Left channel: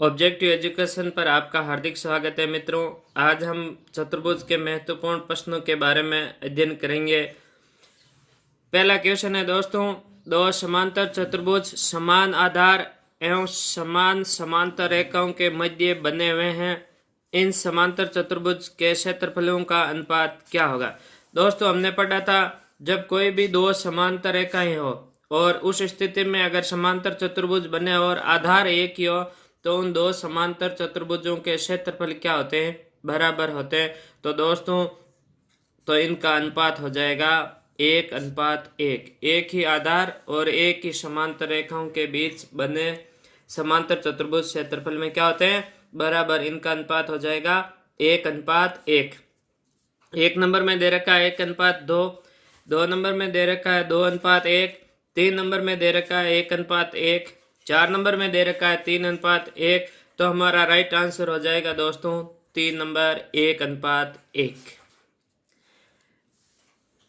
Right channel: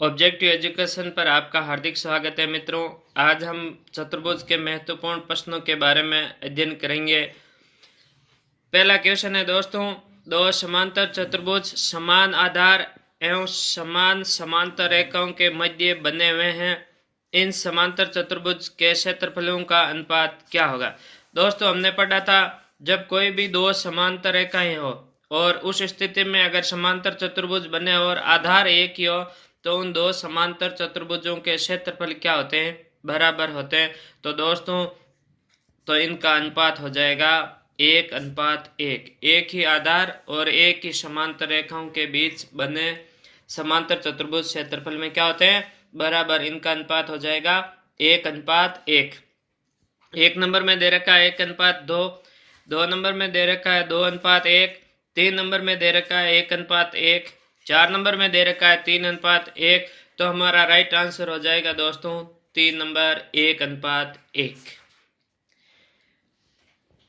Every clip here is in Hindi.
ऑब्जेक्टिव एजुकेशन पर आपका हार्दिक स्वागत है मित्रों। आज हम चतुर्भुज के महत्वपूर्ण प्रश्नों के बारे में अध्ययन करेंगे। पहला क्वेश्चन है दोस्तों, दो समांतर चतुर्भुज समान आधार एवं समान समांतर रेखाओं के मध्य बने हुए हैं। इन समांतर चतुर्भुज के क्षेत्रफलों का अनुपात क्या होगा। दोस्तों हमने पढ़ा था, जब कोई भी दो समांतर रेखाएं हो और उस स्थिति में अगर समांतर चतुर्भुज बने और आधार एक ही हो तो उन दो समांतर चतुर्भुजों के क्षेत्रफल क्या होते हैं, बराबर होते हैं। तो दोस्तों तो इनका अनुपात हो जाएगा 1:1। एक ही आधार और एक ही समांतर रेखाओं के बीच बने समांतर चतुर्भुज क्षेत्रफल में क्या होते हैं, बराबर। इनका अनुपात हो जाएगा 1:1। एक नंबर में दे रखा है 1:2, 2 नंबर में दे रखा है 2:1, 3 नंबर में दे रखा है 1:1, 4 नंबर में दे रखा है 3:1। तो हमारा राइट आंसर हो जाएगा दोस्तों 3 नंबर 1:1।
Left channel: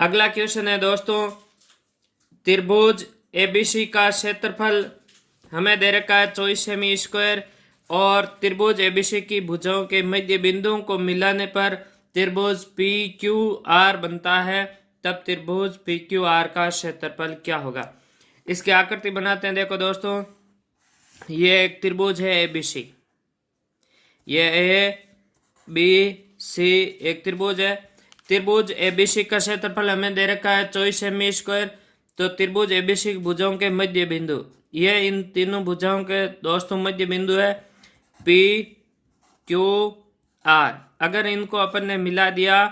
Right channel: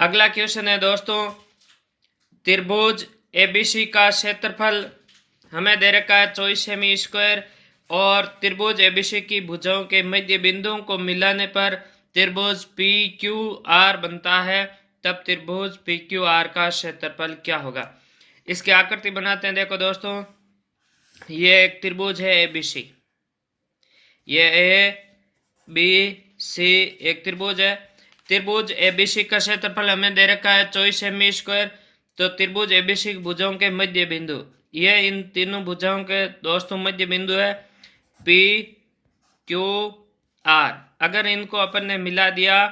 अगला क्वेश्चन है दोस्तों, त्रिभुज एबीसी का क्षेत्रफल हमें दे रखा है 24 सेमी स्क्वायर और त्रिभुज एबीसी की भुजाओं के मध्य बिंदुओं को मिलाने पर त्रिभुज पी क्यू आर बनता है। तब त्रिभुज पी क्यू आर का क्षेत्रफल क्या होगा। इसकी आकृति बनाते हैं। देखो दोस्तों, ये एक त्रिभुज है एबीसी, ये ए बी सी एक त्रिभुज है। त्रिभुज एबीसी का क्षेत्रफल हमें दे रखा है 24 सेमी स्क्वायर। तो त्रिभुज एबीसी की भुजाओं के मध्य बिंदु, ये इन तीनों भुजाओं के दोस्तों मध्य बिंदु है पी क्यू आर। अगर इनको अपन ने मिला दिया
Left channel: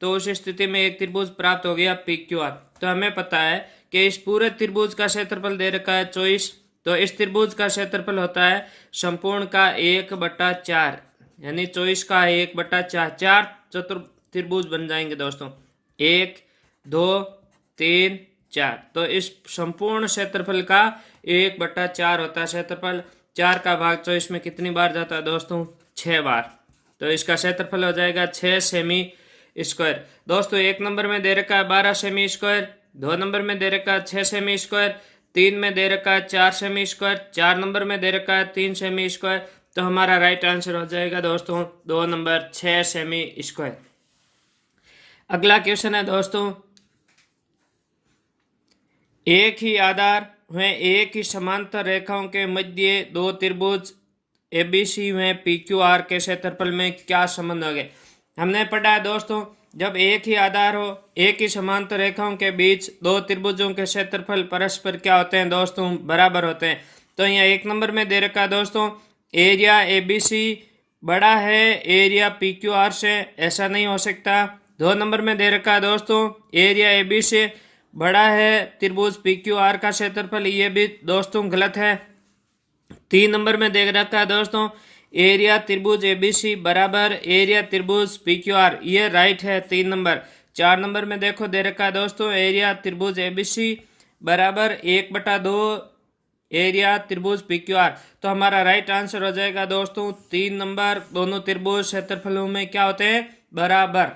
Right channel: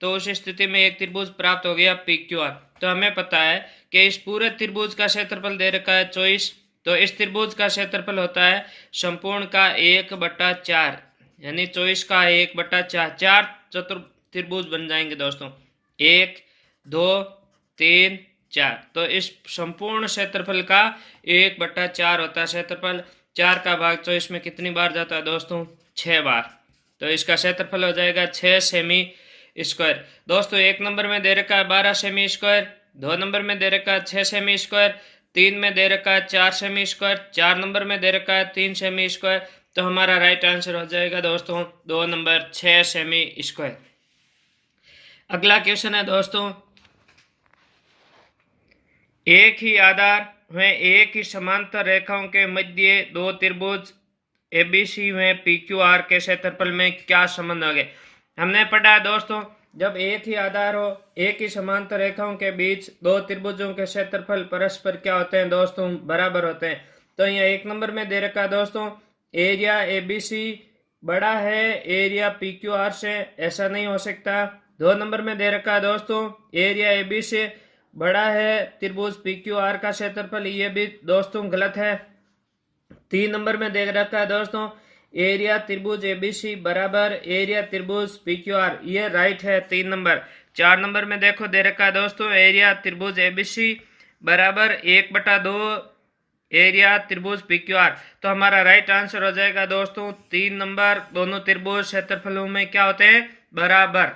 तो उस स्थिति में एक त्रिभुज प्राप्त हो गया पी क्यू आर। तो हमें पता है कि इस पूरे त्रिभुज का क्षेत्रफल दे रखा है 24। तो इस त्रिभुज का क्षेत्रफल होता है संपूर्ण का 1/4, यानी 24 का 1/4। चार त्रिभुज बन जाएंगे दोस्तों, 1 2 3 4। तो इस संपूर्ण क्षेत्रफल का 1/4 होता है क्षेत्रफल। 4 का भाग 24 में कितनी बार जाता है दोस्तों, 6 बार। तो इसका क्षेत्रफल हो जाएगा 6 सेमी स्क्वायर। दोस्तों एक नंबर में दे रखा है 12 सेमी स्क्वायर, 2 नंबर में दे रखा है 6 सेमी स्क्वायर, 3 में दे रखा है 4 सेमी स्क्वायर, 4 नंबर में दे रखा है 3 सेमी स्क्वायर। तो हमारा राइट आंसर हो जाएगा दोस्तों 2 नंबर 6 सेमी स्क्वायर। अगला क्वेश्चन है दोस्तों, एक ही आधार में एक ही समांतर रेखाओं के मध्य दो त्रिभुज एबीसी में पी क्यू आर के क्षेत्रफल में क्या संबंध हो गए। हमने पढ़ा दोस्तों, जब एक ही आधार हो एक ही समांतर रेखाओं के बीच दो त्रिभुजों के क्षेत्रफल परस्पर क्या होते हैं दोस्तों, बराबर होते हैं। तो यहाँ एक नंबर में दे रखा है दोस्तों, एरिया एबीसी बड़ा है एरिया पी क्यू आर से, ऐसा नहीं हो सकता। 2 नंबर में दे रखा है दोस्तों, एरिया एबी से बड़ा है त्रिभुज पी क्यू आर का क्षेत्रफल, ये भी दोस्तों गलत है। 3 नंबर में दे रखा है दोस्तों, एरिया त्रिभुज एबीसी बराबर एरिया त्रिभुज पी क्यू आर, ये राइट है 3 नंबर। 4 नंबर में देखो दे रखा है दोस्तों, एरिया त्रिभुज एबीसी बराबर 1/2 एरिया त्रिभुज पी क्यू आर। तो हमारा राइट आंसर हो जाएगा दोस्तों 3 नंबर। दोनों त्रिभुज क्षेत्रफलों में क्या होते हैं, बराबर।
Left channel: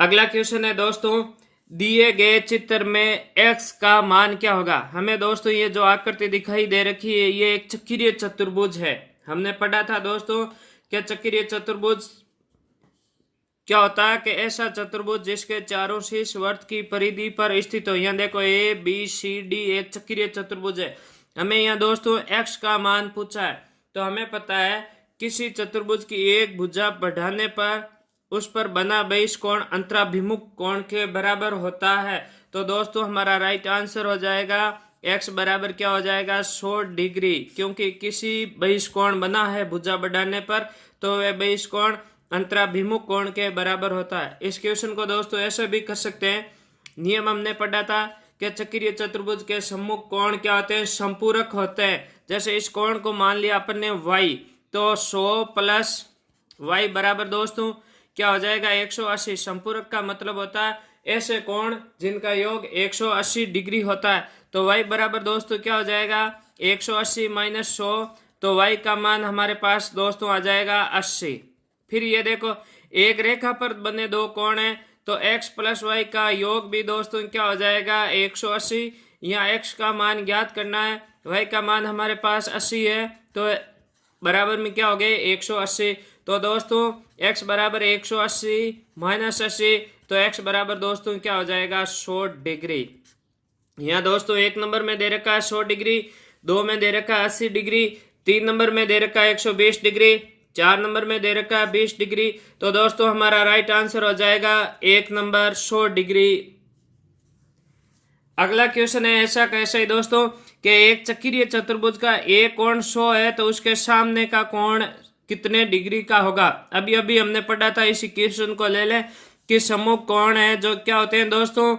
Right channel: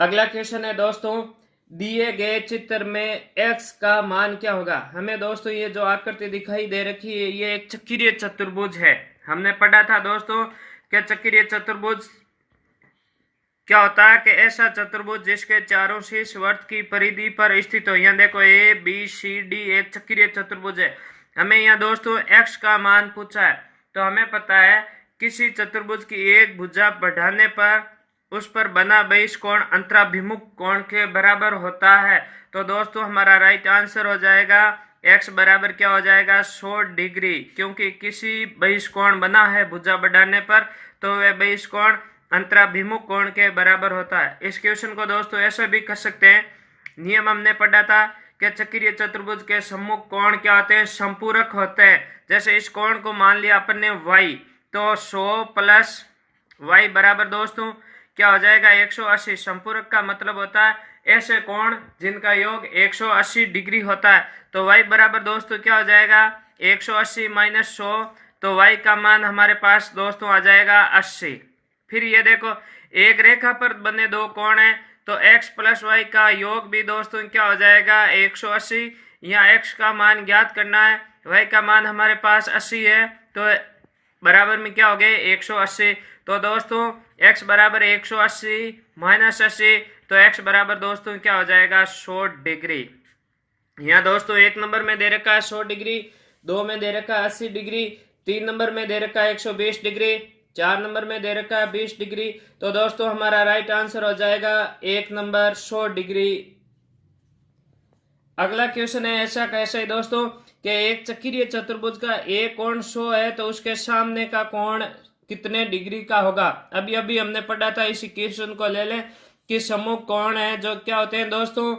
अगला क्वेश्चन है दोस्तों, दिए गए चित्र में x का मान क्या होगा। हमें दोस्तों ये जो आकृति दिखाई दे रखी है ये एक चक्रीय चतुर्भुज है। हमने पढ़ा था दोस्तों कि चक्रीय चतुर्भुज क्या होता है कि ऐसा चतुर्भुज जिसके चारों शीर्ष वृत्त की परिधि पर स्थित हो। यहाँ देखो ए बी सी डी एक चक्रीय चतुर्भुज है। हमें यहाँ दोस्तों x का मान पूछा है। तो हमें पता है किसी चतुर्भुज की एक भुजा बढ़ाने पर उस पर बना बहिष्कोण अंतराभिमुख कोण के बराबर होता है। तो दोस्तों हमारा राइट आंसर हो जाएगा x बराबर क्या हो जाएगा 100 डिग्री, क्योंकि किसी बहिष्कोण बना है भुजा बढ़ाने पर तो वह बहिष्कोण अंतराभिमुख कोण के बराबर होता है। इस क्वेश्चन को दोस्तों ऐसा भी कर सकते हैं, नियम हमने पढ़ा था कि चक्रीय चतुर्भुज के सम्मुख कोण क्या होते हैं, संपूरक होते हैं। जैसे इस कोण को मान लिया अपन ने y, तो 100 प्लस y बराबर दोस्तों क्या हो जाएगा 180। संपूरक का मतलब होता है ऐसे कोण जिनका योग 180 डिग्री होता है। तो y बराबर दोस्तों क्या हो जाएगा 180 माइनस 100। तो y का मान हमारे पास दोस्तों आ जाएगा 80। फिर ये देखो एक रेखा पर बने दो कोण हैं, तो x प्लस y का योग भी दोस्तों क्या हो जाएगा 180। यहाँ x का मान ज्ञात करना है, y का मान हमारे पास 80 है। तो बराबर में क्या हो गए 180। तो दोस्तों x बराबर 180 माइनस 80, तो x बराबर दोस्तों क्या हो जाएगा 100 डिग्री। यहाँ दोस्तों 1 नंबर में दे रखा है 100 डिग्री, 2 में दे रखा है 80 डिग्री, 3 नंबर में दे रखा है 120 डिग्री, 4 नंबर में दे रखा है 20 डिग्री। तो दोस्तों हमारा राइट आंसर हो जाएगा 1 नंबर 100 डिग्री। अगला क्वेश्चन है ऐसा कैसे दोस्तों कि एक चक्रीय चतुर्भुज का एक कोण 100 है तो उसके सामने का कोण कितने डिग्री का होगा। अभी अभी हमने पढ़ा था, इसी क्वेश्चन को ले लें कि समूह कोण है जो क्या होते हैं दोस्तों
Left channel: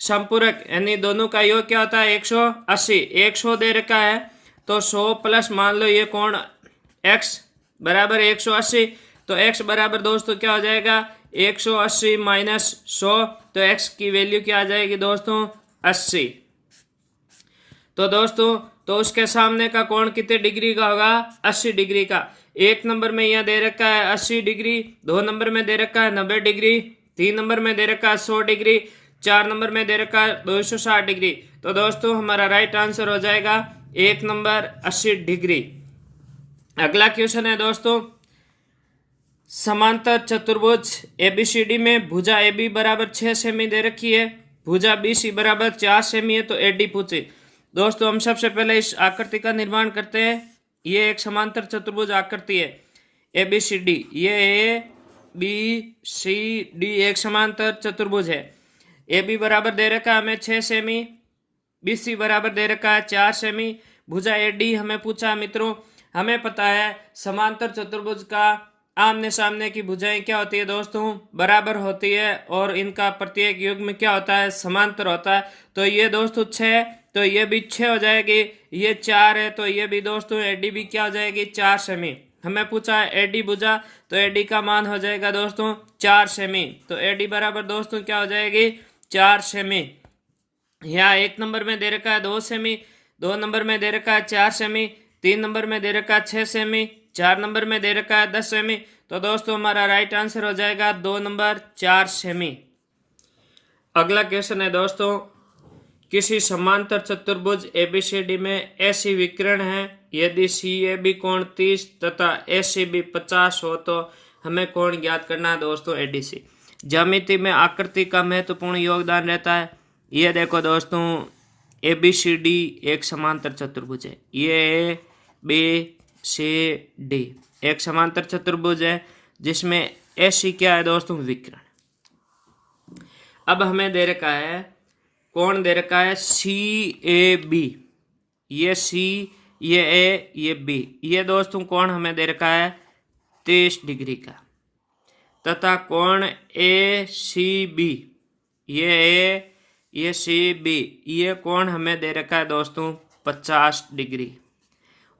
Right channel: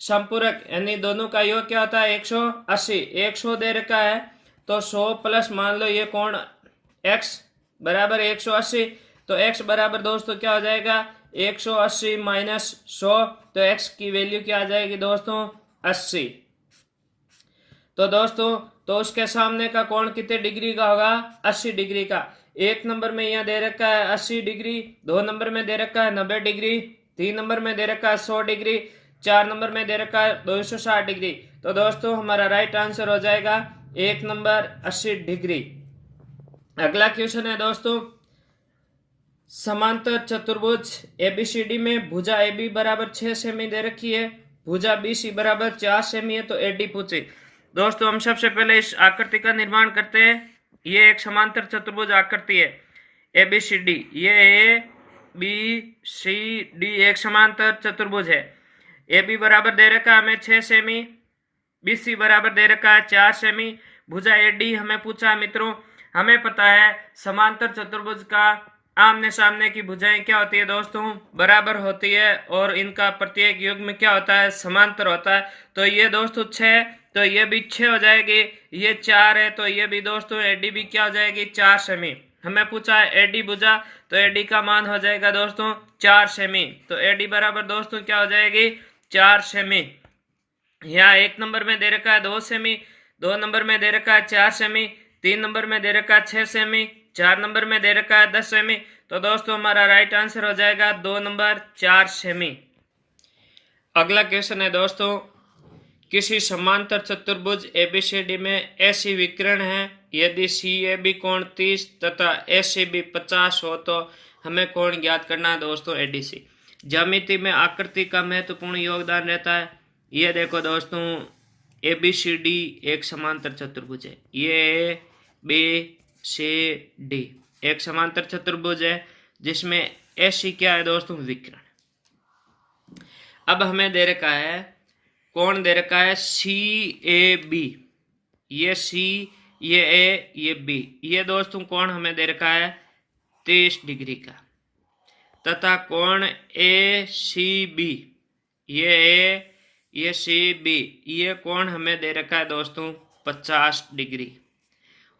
संपूरक, यानी दोनों का योग क्या होता है 180। 100 दे रखा है तो 100 प्लस मान लो ये कोण x बराबर 180, तो x बराबर दोस्तों क्या हो जाएगा 180 माइनस 100, तो x की वैल्यू क्या आ जाएगी दोस्तों 80। तो दोस्तों तो उसके सामने का कोण कितने डिग्री का होगा 80 डिग्री का। 1 नंबर में यह दे रखा है 80 डिग्री, 2 नंबर में दे रखा है 90 डिग्री, 3 नंबर में दे रखा है 100 डिग्री, 4 नंबर में दे रखा है 260 डिग्री। तो दोस्तों हमारा राइट आंसर हो जाएगा 1 नंबर 80 डिग्री। अगला क्वेश्चन है दोस्तों समांतर चतुर्भुज एबीसीडी में भुजा AB बराबर 6 सेमी दे रखी है, भुजा BC बराबर 4 सेमी है, तो AD पूछे। दोस्तों हम सबसे पहले इस आकृति का निर्माण करते हैं। ये एक समांतर चतुर्भुज आकृति है ABCD, ये ABCD एक समांतर चतुर्भुज है। AB बराबर दे रखा है हमें 6 सेमी, BC बराबर दे रखा है 4 सेमी, भुजा AD हमें पूछा मित्रों। हमें पता है समांतर चतुर्भुज का आमने सामने की भुजाएं क्या होती है दोस्तों बराबर होती है, और इनका प्रत्येक युग्म क्या होता है समांतर होता है। तो ये दोस्तों 6, तो ये भी 6 हो जाएगी, ये 4 है तो ये भी दोस्तों AD भी क्या हो जाएगी 4 सेमी। हमें पूछा है AD भुजा, तो AD का मान हो जाएगा दोस्तों 4 सेमी, तो AD बराबर दोस्तों क्या हो जाएगी 4 सेमी। यहाँ 1 नंबर में दे रखा है 2 सेमी, 2 नंबर में दे रखा है 4 सेमी, 3 नंबर में दे रखा है 6 सेमी, 4 नंबर में दे रखा है 10 सेमी। तो दोस्तों हमारा राइट आंसर हो जाएगा 2 नंबर 4 सेमी। अगला क्वेश्चन है दोस्तों किसी समांतर चतुर्भुज ABCD में ऐसी विकर्ण है यदि CAB कोण 30 तथा ACB 50 हो तो हमें कोण ज्ञात करना है दोस्तों ADC। ज्यामिति में आकृति का महत्वपूर्ण योगदान रहता है। ये देखो दोस्तों ABCD एक समांतर चतुर्भुज है, ये ABCD एक समांतर चतुर्भुज है जिसमें AC क्या है दोस्तों विकर्ण। अब हमें दे रखा है कोण दे रखा है CAB, ये C, ये A, ये B, ये दोस्तों कोण हमें दे रखा है 30 डिग्री का, तथा कोण ACB, ये A, ये CB, ये कोण हमें दे रखा है दोस्तों 50 डिग्री।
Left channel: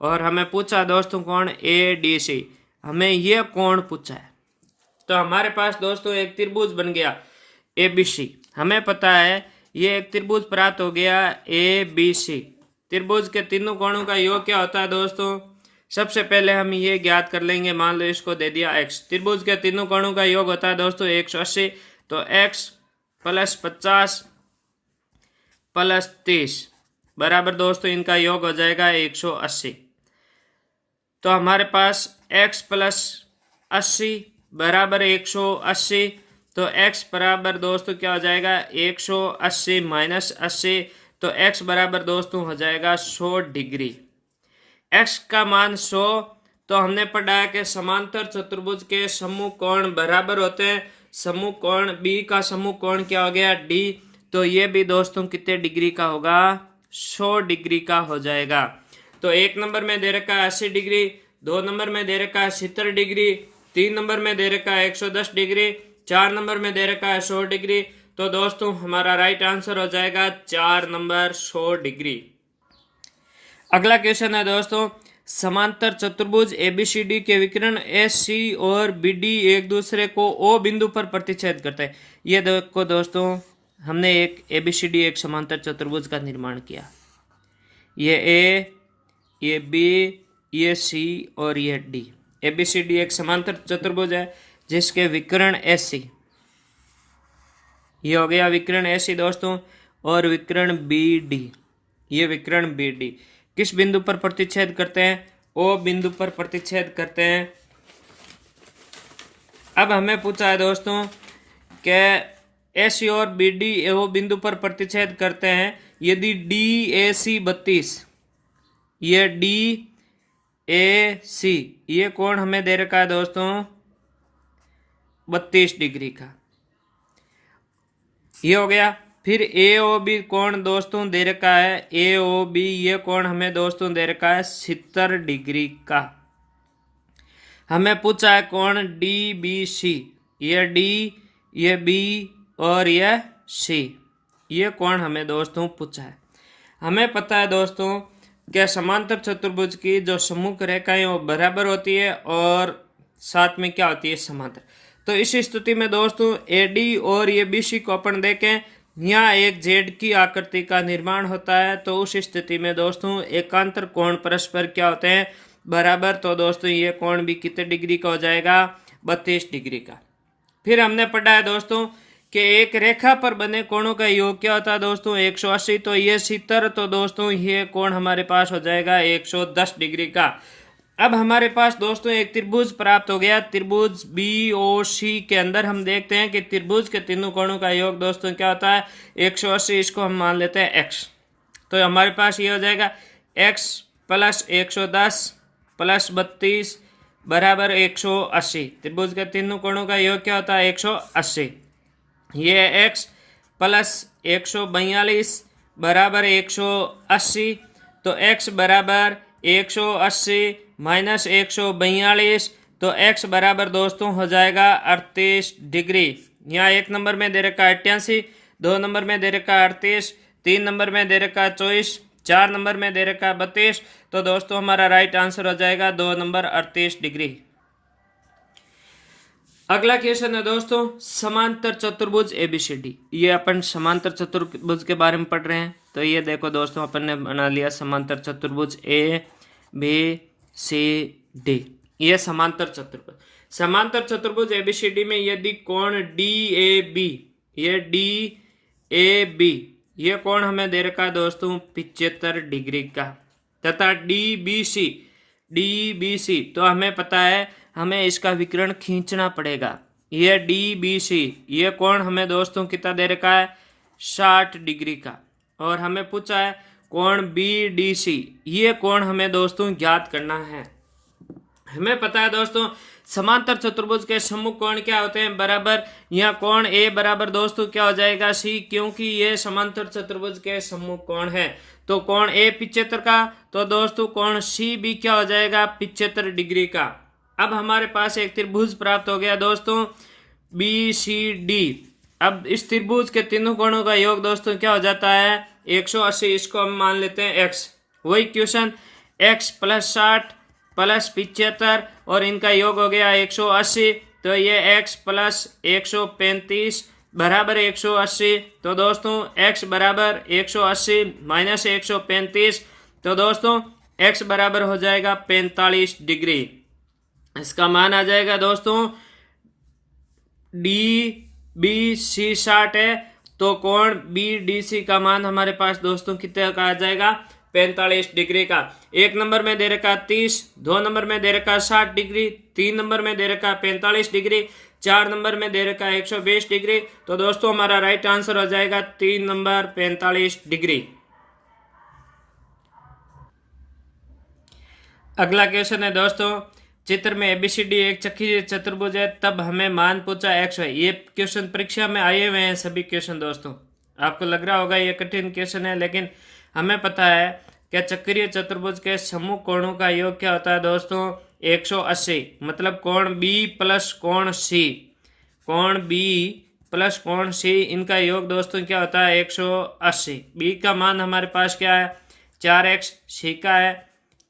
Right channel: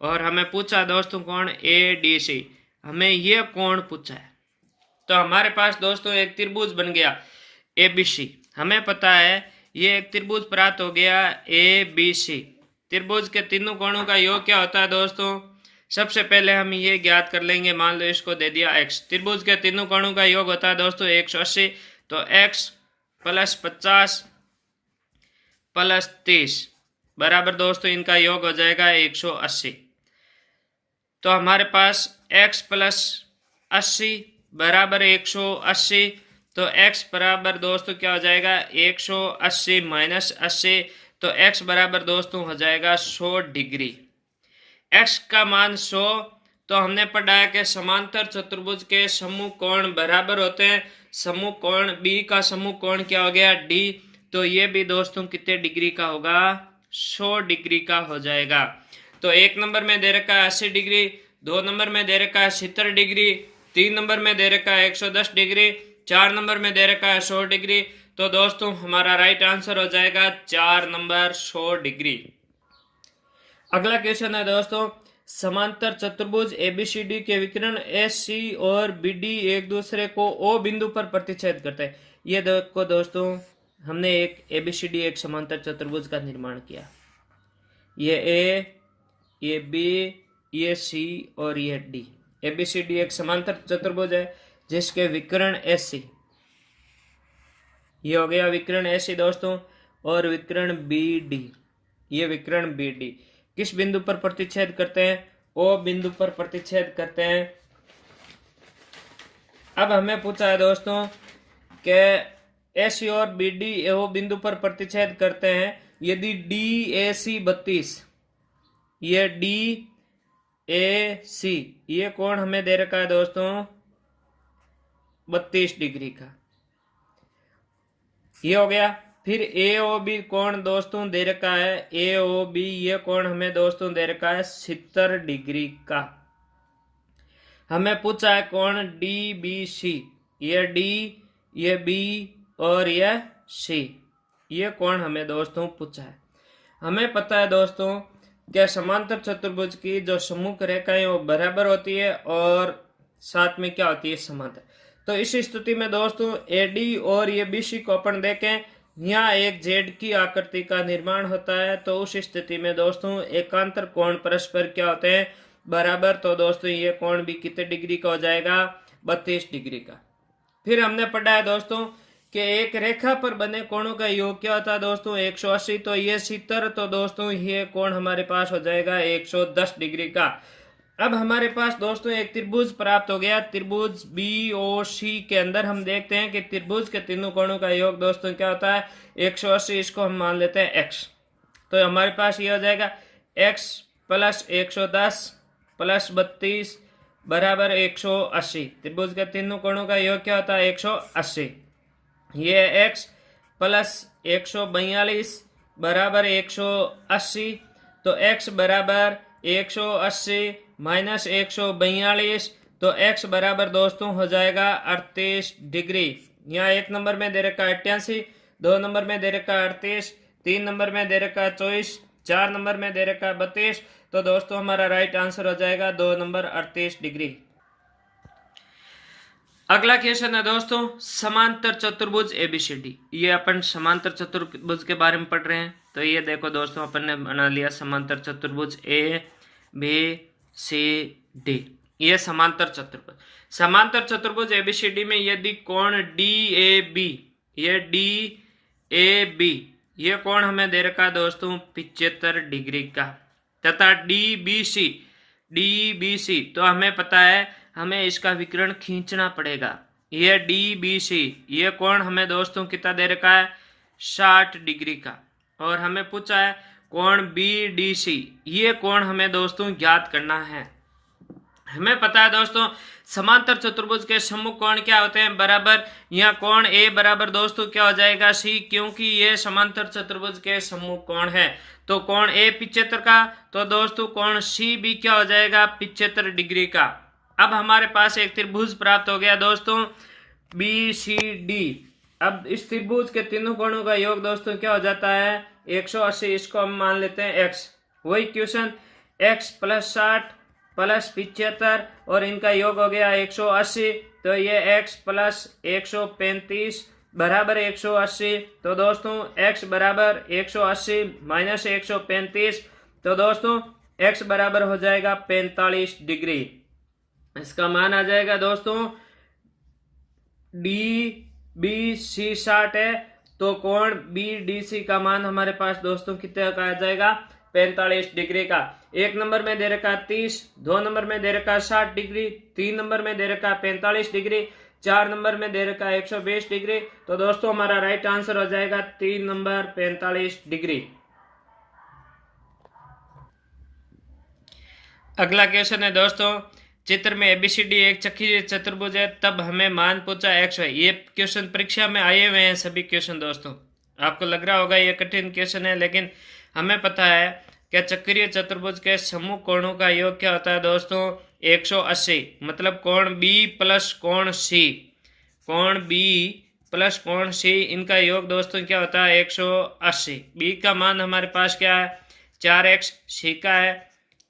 और हमें पूछा दोस्तों कोण ADC, हमें ये कोण पूछा है। तो हमारे पास दोस्तों एक त्रिभुज बन गया ABC, हमें पता है ये एक त्रिभुज प्राप्त हो गया ABC। त्रिभुज के तीनों कोणों का योग क्या होता है दोस्तों, सबसे पहले हम ये ज्ञात कर लेंगे। मान लो इसको दे दिया x, त्रिभुज के तीनों कोणों का योग होता है दोस्तों 180, तो x प्लस 50 प्लस 30 बराबर दोस्तों इनका योग हो जाएगा 180। तो हमारे पास x प्लस 80 बराबर 180, तो x बराबर दोस्तों क्या हो जाएगा 180 माइनस 80, तो x बराबर दोस्तों हो जाएगा 100 डिग्री। x का मान 100, तो हमने पढ़ा है कि समांतर चतुर्भुज के समूह कोण बराबर होते हैं। समूह कोण B का समूह कोण क्या हो गया D, तो ये भी दोस्तों कितने डिग्री का होगा 100 डिग्री का हो जाएगा। तो 1 नंबर में दे रखा है 80 डिग्री, 2 नंबर में दे रखा है 70 डिग्री, 3 नंबर में दे रखा है 110 डिग्री, 4 नंबर में दे रखा है 100 डिग्री। तो दोस्तों हमारा राइट आंसर हो जाएगा 4 नंबर 100 डिग्री। अगला क्वेश्चन है दोस्तों समांतर चतुर्भुज ABCD के विकर्ण AC और BD एक दूसरे को O बिंदु पर प्रतिच्छेद करते हैं। ये देखो दोस्तों हमने एक ABCD एक समांतर चतुर्भुज का निर्माण किया, ये A, ये B, ये C और ये D। ABCD एक समांतर चतुर्भुज है जिसके विकर्ण AC, ये हो गया विकर्ण AC दोस्तों, और विकर्ण BD, ये विकर्ण BD किस बिंदु पर प्रतिच्छेद करते हैं ओ बिंदु पर प्रतिच्छेद करते हैं। अब हमें पूछा है दोस्तों कि एसी और बीडी ओ बिंदु पर प्रतिच्छेद करते हैं यदि डी ए सी 32, ये डी ए सी ये कोण हमें दे रखा है दोस्तों 32 डिग्री का, ये हो गया। फिर ए ओ बी कोण दोस्तों दे रखा है, ए ओ बी ये कोण हमें दोस्तों दे रखा है 70 डिग्री का। हमें पूछा है कोण डी बी सी, ये डी ये बी और ये सी, ये कोण हमें दोस्तों पूछा है। हमें पता है दोस्तों कि समांतर चतुर्भुज की जो सम्मुख रेखाएं वो बराबर होती है और साथ में क्या होती है समांतर। तो इस स्थिति में दोस्तों एडी और ये बीसी को अपन देखें, यहाँ एक जेड की आकृति का निर्माण होता है। तो उस स्थिति में दोस्तों एकांतर कोण परस्पर क्या होते हैं बराबर। तो दोस्तों ये कोण भी कितने डिग्री का हो जाएगा 32 डिग्री का। फिर हमने पढ़ा है दोस्तों कि एक रेखा पर बने कोणों का योग क्या होता है दोस्तों 180, तो ये 70, तो दोस्तों ये कोण हमारे पास हो जाएगा 110 डिग्री का। अब हमारे पास दोस्तों एक त्रिभुज प्राप्त हो गया, त्रिभुज बी ओ सी के अंदर हम देखते हैं कि त्रिभुज के तीनों कोणों का योग दोस्तों क्या होता है 180, इसको हम मान लेते हैं x। तो हमारे पास ये हो जाएगा x प्लस 110 प्लस 32 बराबर 180। त्रिभुज के तीनों कोणों का योग क्या होता है 180। ये x प्लस 142 बराबर 180, तो x बराबर 180 माइनस 142, तो x बराबर दोस्तों हो जाएगा 38 डिग्री। यहाँ एक नंबर में दे रखा है 88, 2 नंबर में दे रखा है 38, 3 नंबर में दे रखा है 24, 4 नंबर में दे रखा है 32। तो दोस्तों हमारा राइट आंसर हो जाएगा 2 नंबर 38 डिग्री। अगला क्वेश्चन है दोस्तों समांतर चतुर्भुज एबीसीडी। ये अपन समांतर चतुर्भुज के बारे में पढ़ रहे हैं। तो ये देखो दोस्तों अपन ने बना लिया समांतर चतुर्भुज ए बी सी डी, ये समांतर चतुर्भुज। समांतर चतुर्भुज एबीसीडी में यदि कोण डी ए बी, ये डी ए बी ये कोण हमें दे रखा है दोस्तों 75 डिग्री का, तथा डी बी सी तो हमें पता है हमें इसका विकर्ण खींचना पड़ेगा। ये डी बी सी ये कोण हमें दोस्तों कितना दे रखा है 60 डिग्री का। और हमें पूछा है कोण बी डी सी ये कोण हमें दोस्तों ज्ञात करना है। हमें पता है दोस्तों समांतर चतुर्भुज के सम्मुख कोण क्या होते हैं बराबर। यहाँ कोण ए बराबर दोस्तों क्या हो जाएगा सी, क्योंकि ये समांतर चतुर्भुज के सम्मुख कोण है। तो कोण ए 75 का, तो दोस्तों कोण सी भी क्या हो जाएगा 75 डिग्री का। अब हमारे पास एक त्रिभुज प्राप्त हो गया दोस्तों बी सी डी। अब इस त्रिभुज के तीनों कोणों का योग दोस्तों क्या हो जाता है 180, इसको हम मान लेते हैं x। वही क्वेश्चन x प्लस 60 प्लस 75 और इनका योग हो गया 180, तो ये x प्लस 135 बराबर 180। तो दोस्तों x बराबर 180 माइनस 135, तो दोस्तों x बराबर हो जाएगा 45 डिग्री। इसका मान आ जाएगा दोस्तों डी बी सी 60 है, तो कोण बी डी सी का मान हमारे पास दोस्तों कितने का आ जाएगा 45 डिग्री का। एक नंबर में दे रखा 30, 2 नंबर में दे रखा 60 डिग्री, 3 नंबर में दे रखा 45 डिग्री, 4 नंबर में दे रखा 120 डिग्री। तो दोस्तों हमारा राइट आंसर हो जाएगा 3 नंबर 45 डिग्री। अगला क्वेश्चन है दोस्तों चित्र में एबीसीडी एक चक्रीय चतुर्भुज है, तब हमें मान पूछा एक्स वाई। ये क्वेश्चन परीक्षा में आए हुए हैं सभी क्वेश्चन दोस्तों। आपको लग रहा होगा ये कठिन क्वेश्चन है, लेकिन हमें पता है कि चक्रीय चतुर्भुज के सम्मुख कोणों का योग क्या होता है दोस्तों 180। मतलब कोण बी प्लस कोण सी, कोण बी प्लस कोण सी इनका योग दोस्तों क्या होता है 180। बी का मान हमारे पास क्या है 4x, सी का है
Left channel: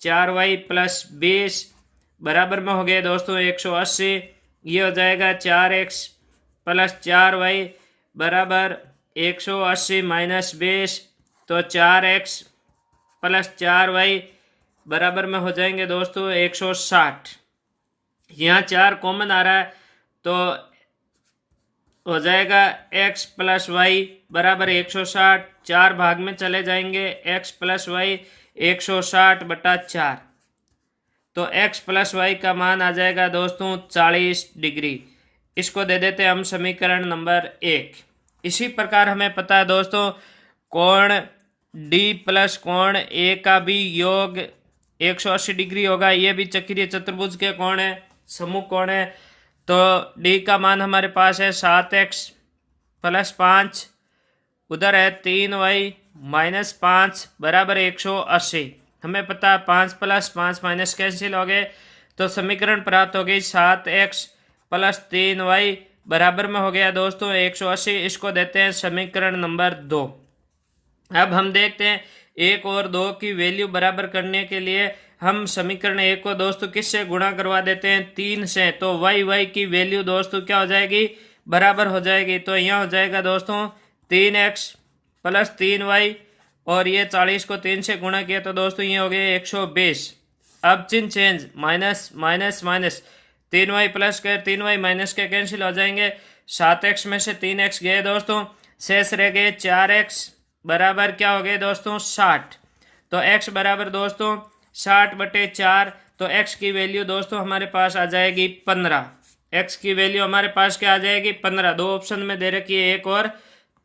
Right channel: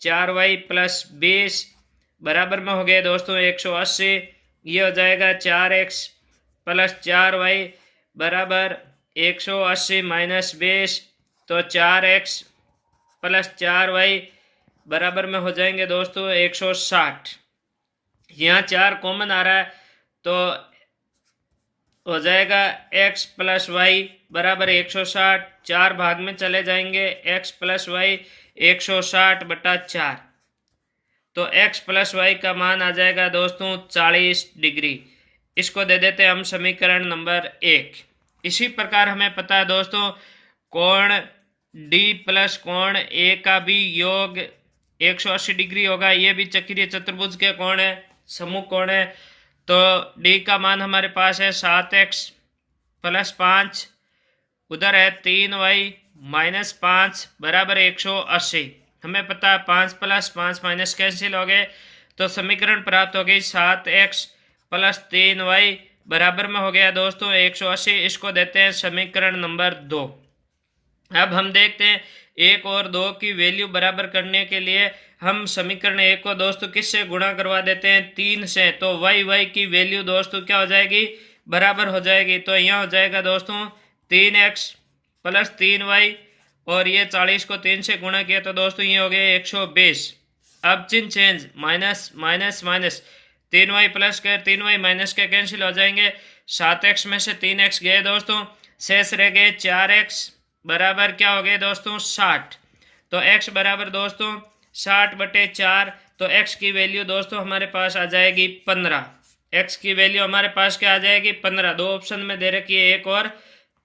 4y प्लस 20 बराबर में हो गया दोस्तों 180। ये हो जाएगा 4x प्लस 4y बराबर 180 माइनस 20, तो 4x प्लस 4y बराबर में हो जाएंगे दोस्तों 160। यहाँ 4 कॉमन आ रहा है तो हो जाएगा x प्लस वाई बराबर 160। 4 भाग में चले जाएंगे, x प्लस वाई 160 बटा 4। तो x प्लस वाई का मान आ जाएगा दोस्तों 40 डिग्री। इसको दे देते हैं हम समीकरण नंबर 1। इसी प्रकार हमें पता है दोस्तों कोण D प्लस कोण A का भी योग 180 डिग्री होगा। ये भी चक्रीय चतुर्भुज के कोण है, समूह कोण है। तो D का मान हमारे पास है 7x प्लस 5, उधर है 3y माइनस 5 बराबर 180। हमें पता है 5 प्लस 5 माइनस कैंसिल हो गए, तो समीकरण प्राप्त हो गई 7x प्लस 3y बराबर में हो गया दोस्तों 180। इसको देते हैं समीकरण नंबर 2। अब हम देखते हैं 1 और 2 की वैल्यू बराबर करने के लिए हम समीकरण 1 को दोस्तों किससे गुणा करवा देते हैं 3 से। तो y की वैल्यू दोस्तों क्या हो जाएगी, बराबर हो जाएगी। तो यहाँ हो जाएगा दोस्तों 3x प्लस 3y और ये 40 को 3 से गुणा किया तो दोस्तों ये हो गया 120। अब चिन्ह change, minus minus minus, 3y plus के 3y माइनस के कैंसिल हो जाएंगे। 7x में से 3x गए दोस्तों, शेष रह गए 4x बराबर क्या हो गए दोस्तों 60। तो x बराबर दोस्तों 60/4। तो x की वैल्यू दोस्तों हमारे पास आ जाएगी 15। x की वैल्यू हमारे पास क्या आ जाएगी 15। दो ऑप्शन में दे रखी है 1 और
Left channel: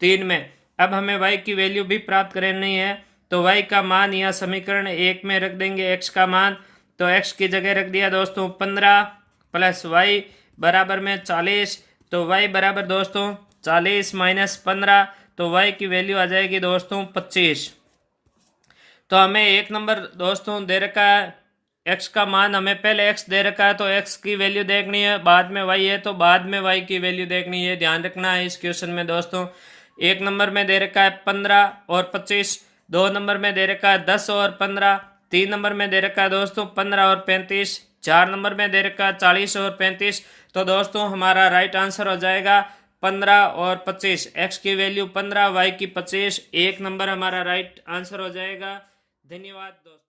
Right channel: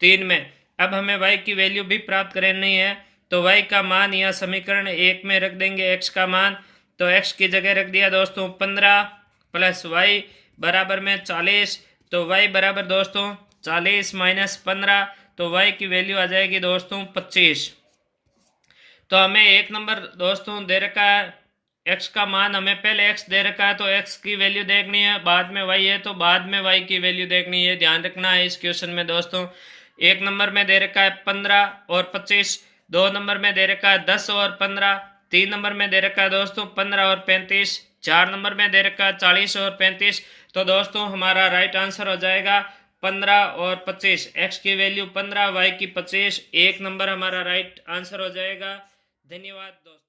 3 में। अब हमें y की वैल्यू भी प्राप्त करनी है, तो y का मान यहाँ समीकरण 1 में रख देंगे x का मान। तो x की जगह रख दिया दोस्तों 15 प्लस y बराबर में 40। तो y बराबर दोस्तों 40 माइनस 15, तो y की वैल्यू आ जाएगी दोस्तों 25। तो हमें 1 नंबर दोस्तों दे रखा है, x का मान हमें पहले x दे रखा है तो x की वैल्यू देखनी है, बाद में y है तो बाद में y की वैल्यू देखनी है। ध्यान रखना है इस क्वेश्चन में दोस्तों। 1 नंबर में दे रखा है 15 और 25, 2 नंबर में दे रखा है 10 और 15, 3 नंबर में दे रखा है दोस्तों 15 और 35, 4 नंबर में दे रखा है 40 और 35। तो दोस्तों हमारा राइट आंसर हो जाएगा 15 और 25। x की वैल्यू 15, y की 25। 1 नंबर हमारा राइट आंसर हो जाएगा। धन्यवाद दोस्तों।